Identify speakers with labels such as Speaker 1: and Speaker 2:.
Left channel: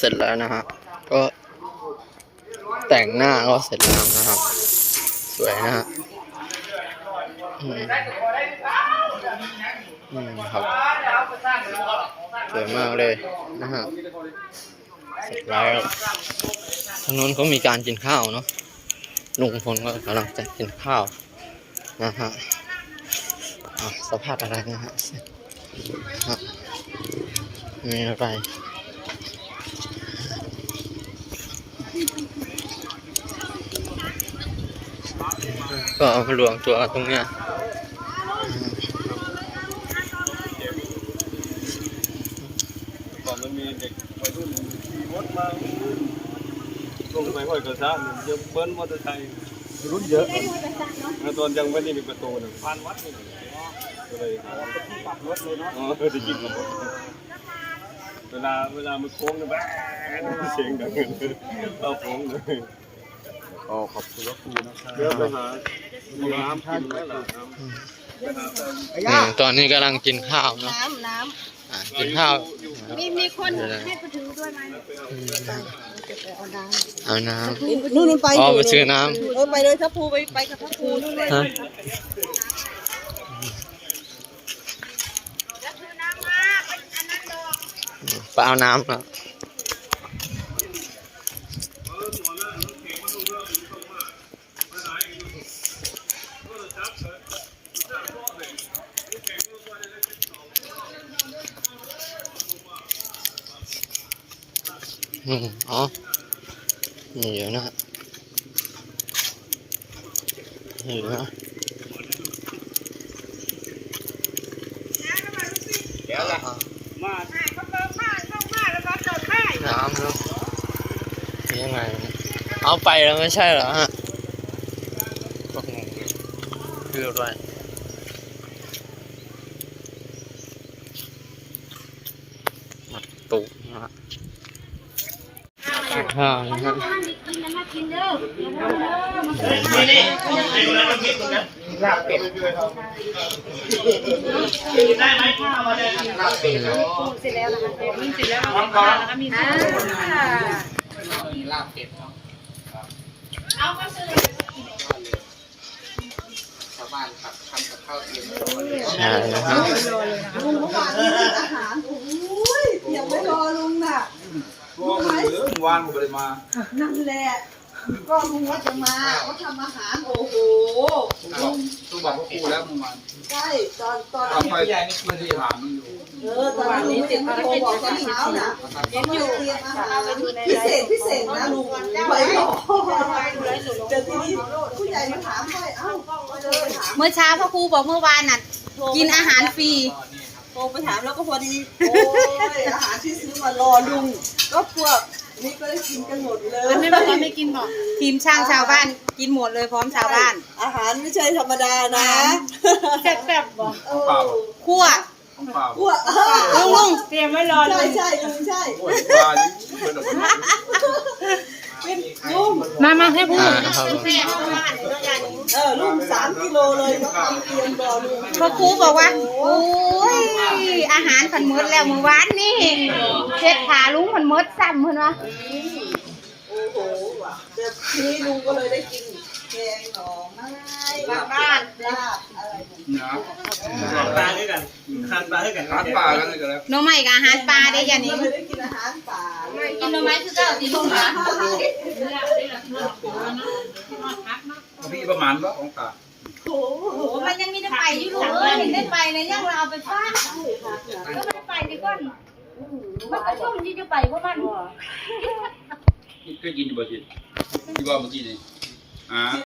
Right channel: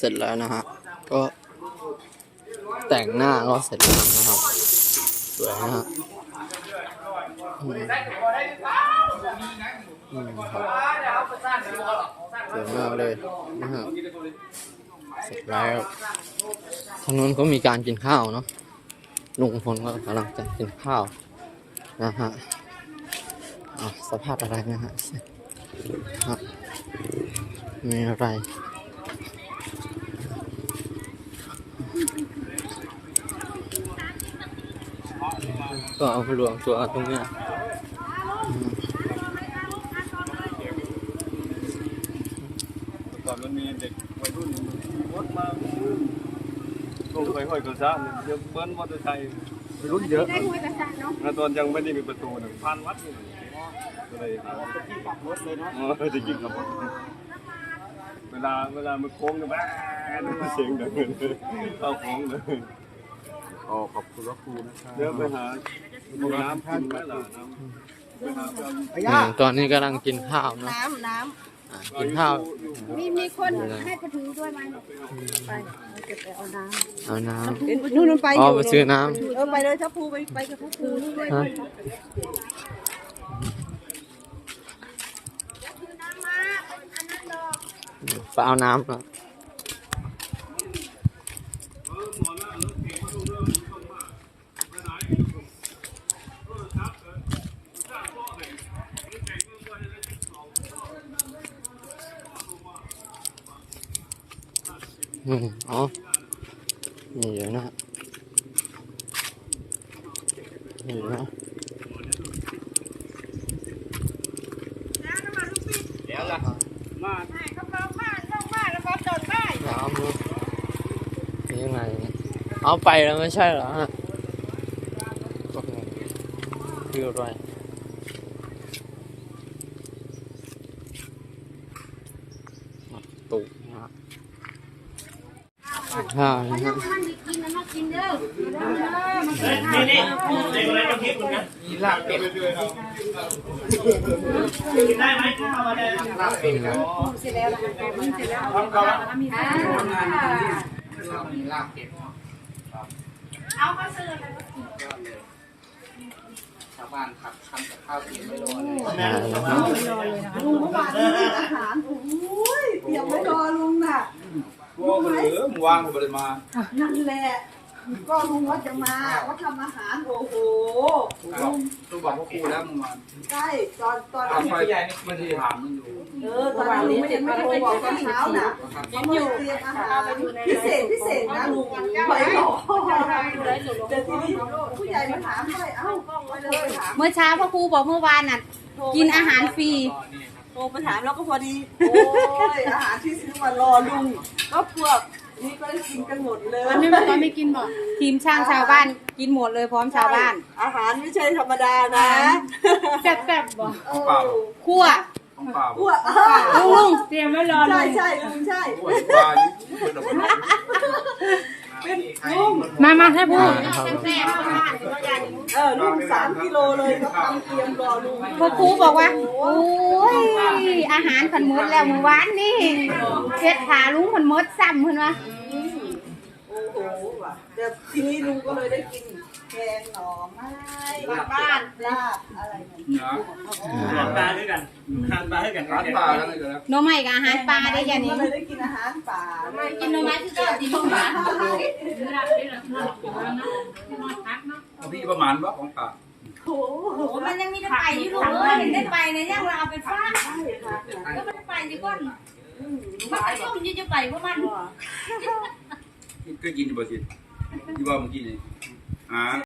Speaker 1: เสร็จแล้วนะฮะก็แต่งหน้าก็เสร็จแล้วนะครับ สวยนะฮะอืมอืมครับสวยมากเลยนะฮะเสร็จแล้วทางนู้นก็มีการกินข้าวเนาะลุงพลก็กำลังจะกินข้าวนะฮะสภาพอะไรนะฮะมีอะไร ก็เอามารวมตัวตรงเนี้ย
Speaker 2: ก่อนมันมีเด็กวัยรุ่นขี่รถมาลงไปห้อยกระซ่ายังเบิ้ลมอเตอร์ไซค์รุ่นเยอะนะตอนยังไม่ได้มีประตูหนึ่งพันวัดนี่ก็เลยจะขี่ขับรถเลยเนาะจะขี่ขับรถเวลาเวลามันโค้งเนี่ยแบ๊เสียงดังเลยเข้าโค้งเลย
Speaker 3: อ๋อขอบคุณพระครูนะครับ
Speaker 2: เดี๋ยวไปหาน้ำท่านไหมล่ะ
Speaker 1: อืมตอนนี้กำลังกินข้าวเนาะ
Speaker 4: น้ำน้
Speaker 1: อะกินข้าวำ
Speaker 4: มีมีคนให้ประถือด้วยไหมเอาน้
Speaker 1: เอาน้ำ
Speaker 4: นู่นไปำ
Speaker 1: อ๋อไปซื้อน้
Speaker 4: เออไปเลยทัพภูไปไปกับทัพภูนู่นเลยำ
Speaker 1: ฮะไปเอาน้ำนะ อืมอ๋อนี่อยู่นะนี่อยู่นะ
Speaker 2: เดี๋ยวละมา
Speaker 4: เขาเปิดผ้าช่องผ้าแล้วก็จอดผ้
Speaker 1: น้ำเนาะยังไงเอาไปแล้วไม่ใช่เหรอฮะก็งงคืออะไรมาตุนะ ฮะข้าวนะฮะ
Speaker 4: กินนะมากินเด้อ
Speaker 1: ใช่นะฮะ
Speaker 4: ลุงเมื่อวานนี้อาหารโอ้ยเตรียมไว้รอลุงน่ะ
Speaker 3: ตัวมันเหลือเมื่อ วานผมก็เลยมา
Speaker 4: นั่นแหละ ก็ลุงว่าจะมาว่าทำอาหารโอ้โห
Speaker 3: ต้องบอกต้องบอกพระครูแล้วเมื่อวาน
Speaker 4: ใช่ตอนตอน
Speaker 3: ทำไมไม่ได้ถามมันอยู่
Speaker 4: เออตอนนั้นลุงยังไม่โทรบอกตอนเช้าน่ะเขามาเตรียมอาหารพิเศษพิเศษนะลุงไว้รอเดี๋ยวทีนี้ผู้ใหญ่มาถามไปเอ้าก็เลยถาม
Speaker 5: เมื่อเช้าพ่อครูบอกเมื่อวานน่ะกินอาหารฟรี
Speaker 4: โทรไปถามแล้วก็พอดี โอ้ยอาหารที่ซื้อมารอลุงก็พวก นี่ก็ได้กินกันหมดเลย
Speaker 5: ไม่บอกไม่กินบอกทีมช่างชาวบ้านกินหมดเลยพร้อมชาวบ้าน
Speaker 4: อาหารไม่ใช่ธรรมดานะ
Speaker 5: แซ่บๆบอก
Speaker 4: เออ
Speaker 5: คั่ว
Speaker 3: ของเปล่า
Speaker 4: พวก
Speaker 5: ลุงลุงเตรียมไว้รอเล
Speaker 4: ใช่
Speaker 5: ย
Speaker 4: ใช่ลุงใช่
Speaker 3: ปวดปลาอยู่เป็นแบบนี้
Speaker 4: เป็นลุง
Speaker 5: มามาให้พูด
Speaker 1: อ่าครับ
Speaker 4: เออ ลุงสามกิโลเลยก็ทำเตรียมรอลุง
Speaker 5: พ่อครูบอกว่าโอ้ยอาหารผันหมดแล้วเมื่อวานนี่เช็ดขาลุงผันหมดซ้ำเห็นไหม
Speaker 4: โอ้โหว่ะเดี๋ยวทีนี้ลุงก็เลยได้กินแกงหน่อไม้บ้านลาบอะไรนั่น
Speaker 3: นะ
Speaker 2: ปลาด้วยกันทานปลาด้วยกัน
Speaker 3: ร้านปลากันเลยกันแล้ว
Speaker 5: หน้องใหม่กับอาหารปลาได้ยันนี้
Speaker 4: ก็เลยได้กินอาหารป่า
Speaker 5: กินหน้องไม้คือเจ้าตีนหมา
Speaker 3: พี่ประมาณว่าของปลา
Speaker 4: โอ้โห
Speaker 5: มันยังมีได้ไปอยู่ลูกเออเห็นได้ไปนะยังเราเอาไปฟาด
Speaker 4: ใช่ค่ะ
Speaker 5: ก็ไม่ได้ไปดีก่อนมันก็ยุ่งยิ่งจะไปเพราะมัน
Speaker 3: ก็กินอยู่บ่สิที่ว่าเมื่อกี้นี่อ่า